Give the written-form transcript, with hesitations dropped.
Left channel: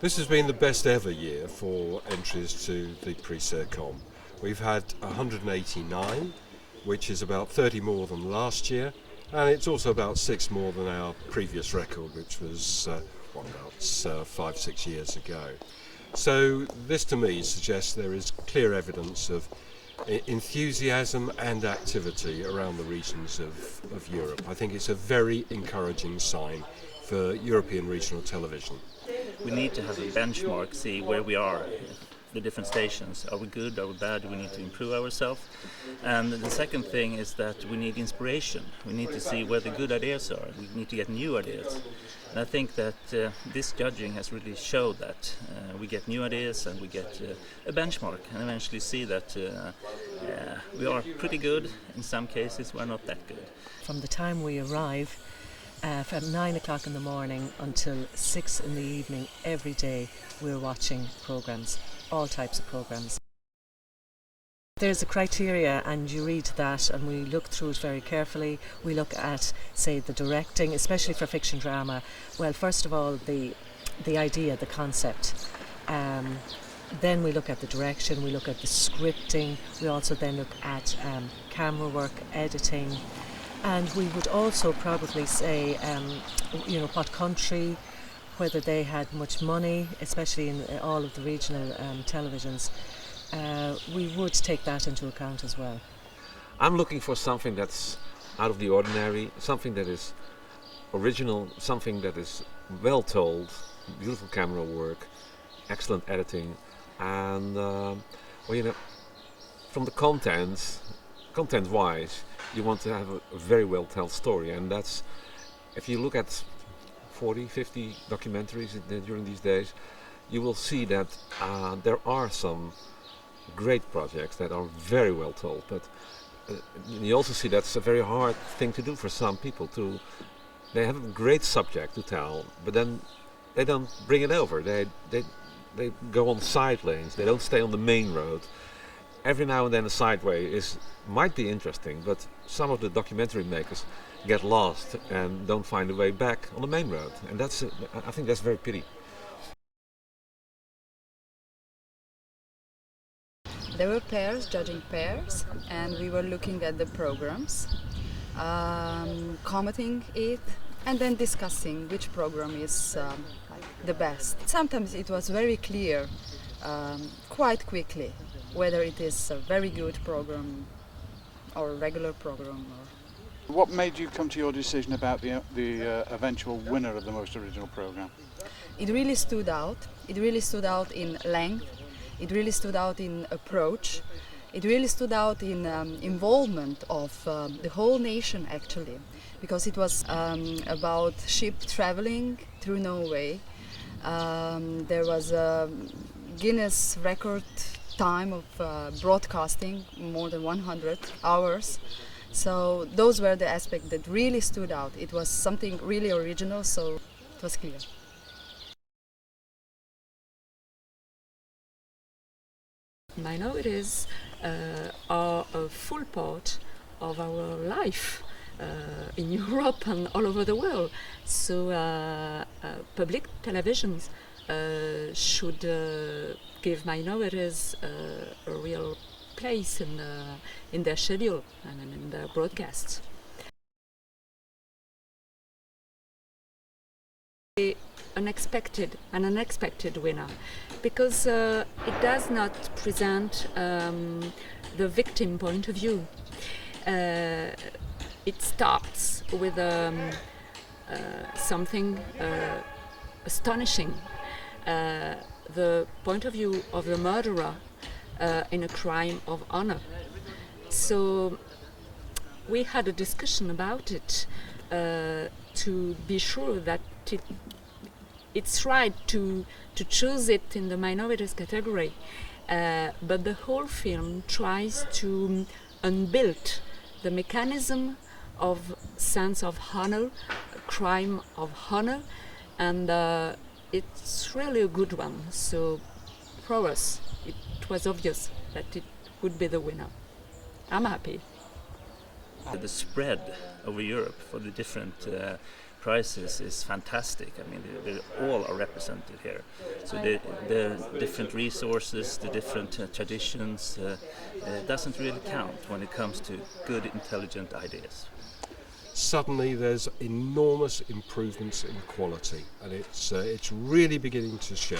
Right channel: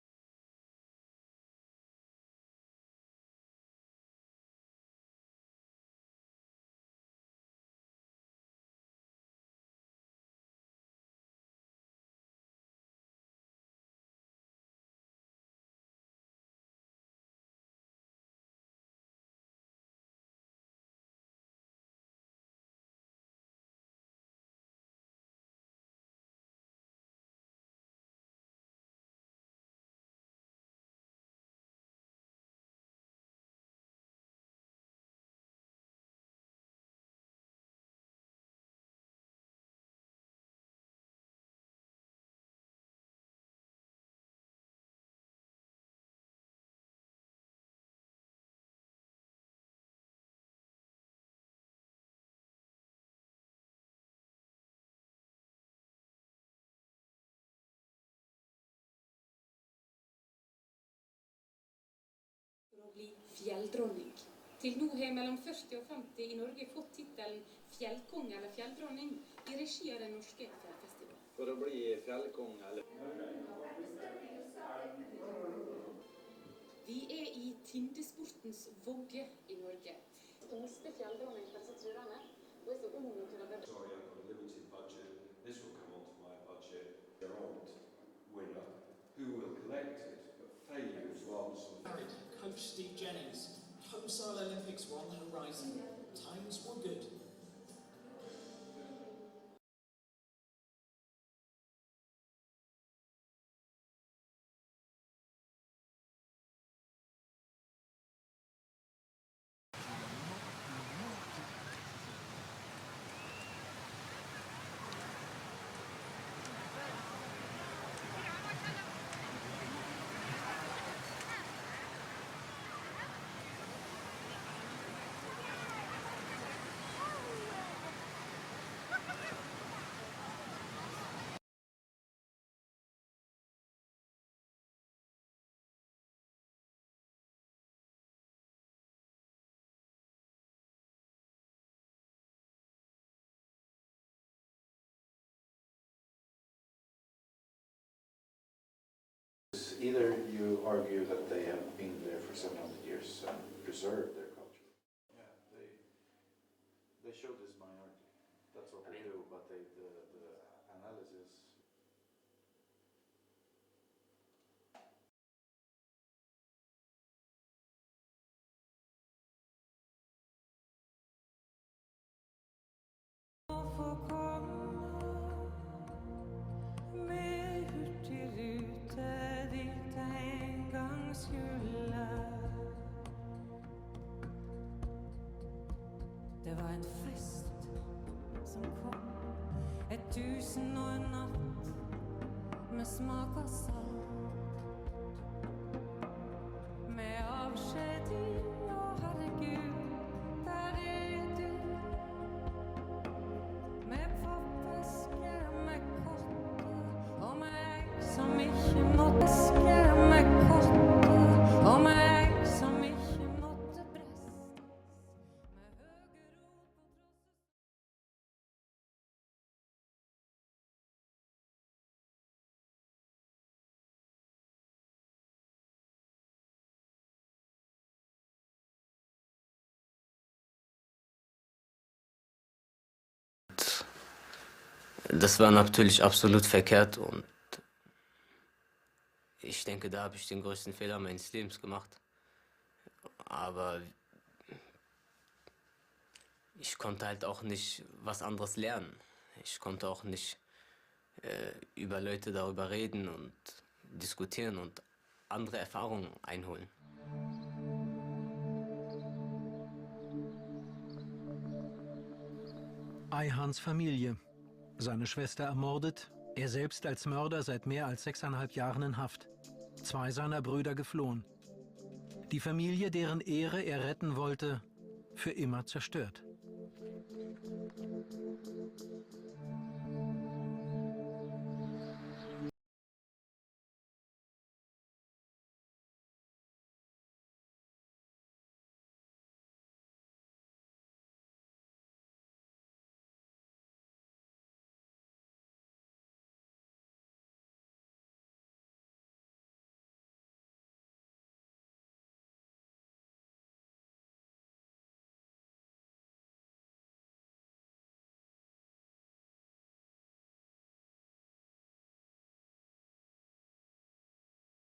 This has been the best ever year for entries to the Prix Circom. We've had 189, which is about 30 more than last year, and it's also about 6 more than our previous record, which was about 5-6 years ago. So this to me suggests there is clear evidence of enthusiasm and activity around the regions of Europe. I think it's a very encouraging sign for European regional television. We need to have a benchmark, see where we are, the different stations. Are we good, are we bad, do we need to improve ourselves? And the second thing is that we need inspiration. We need to see where the good ideas are. We need to get new ideas. And I think that this judging has really showed that. We get new ideas and we get a benchmark and eventually see that we are pretty good. In some cases we're not that good. From the time we arrive, from 9 o'clock in the morning until 6 in the evening, every day we're watching programmes, all types of programmes. There's a criteria and you read that and we look through it very carefully. We look at, say, the directing, especially for fiction drama. Well, first of all, the idea, the concept. Then we look at the direction, we look at the scripting. We also then look at camera work, editing. And we would also probably say, what country, whether they had much money, especially in all of the regional televisions. We would take that into account as well. I'm looking for something that's out of the ordinary, something that is original, something that is well told, beautiful camera work, excellent editing, and from the content-wise, you want to have a very well told story, and that's, if you look at 40, 50 documentaries during these days, you will see that there are some great projects that are very well told. But you also see that's a very hard thing to do for some people. They have a great subject to tell, but then they don't bring it over. They go on side lanes. They don't stay on the main road. Every now and then a sideway might be interesting, but some of the documentary makers get lost and don't find a way back on the main road, and I think that's very pity. Either you argue that they have been there for 700 years. There were pairs, judging pairs, and we were looking at the programs, commenting it, and then discussing which program is the best. Sometimes it was very clear, quite quickly, whether it is a very good program or a regular program. What made you come to your decision about the eventual winner of the most original program? It really stood out. It really stood out in length. It really stood out in approach. It really stood out in involvement of the whole nation, actually, because it was about ship traveling through Norway. There was a Guinness record time of broadcasting, more than 100 hours. So those were the aspects that really stood out. It was something really original, so it was key. Minorities are a full part of our life in Europe and all over the world. So public televisions should give minorities a real place in their schedule and in their broadcasts. Das war natürlich absolut verkehrt und an unexpected winner, because it does not present the victim point of view. It starts with something astonishing, the point of view of the murderer in a crime of honor. So we had a discussion about it to be sure that it's right to choose it in the minorities category, but the whole film tries to unbuild the mechanism of sense of honor, crime of honor, and it's really a good one. So for us, it was obvious that it would be the winner. I'm happy. The spread over Europe for the different prizes is fantastic. I mean, they all are represented here. So the different resources, the different traditions, doesn't really count when it comes to good, intelligent ideas. Suddenly there's enormous improvements in quality, and it's really beginning to show.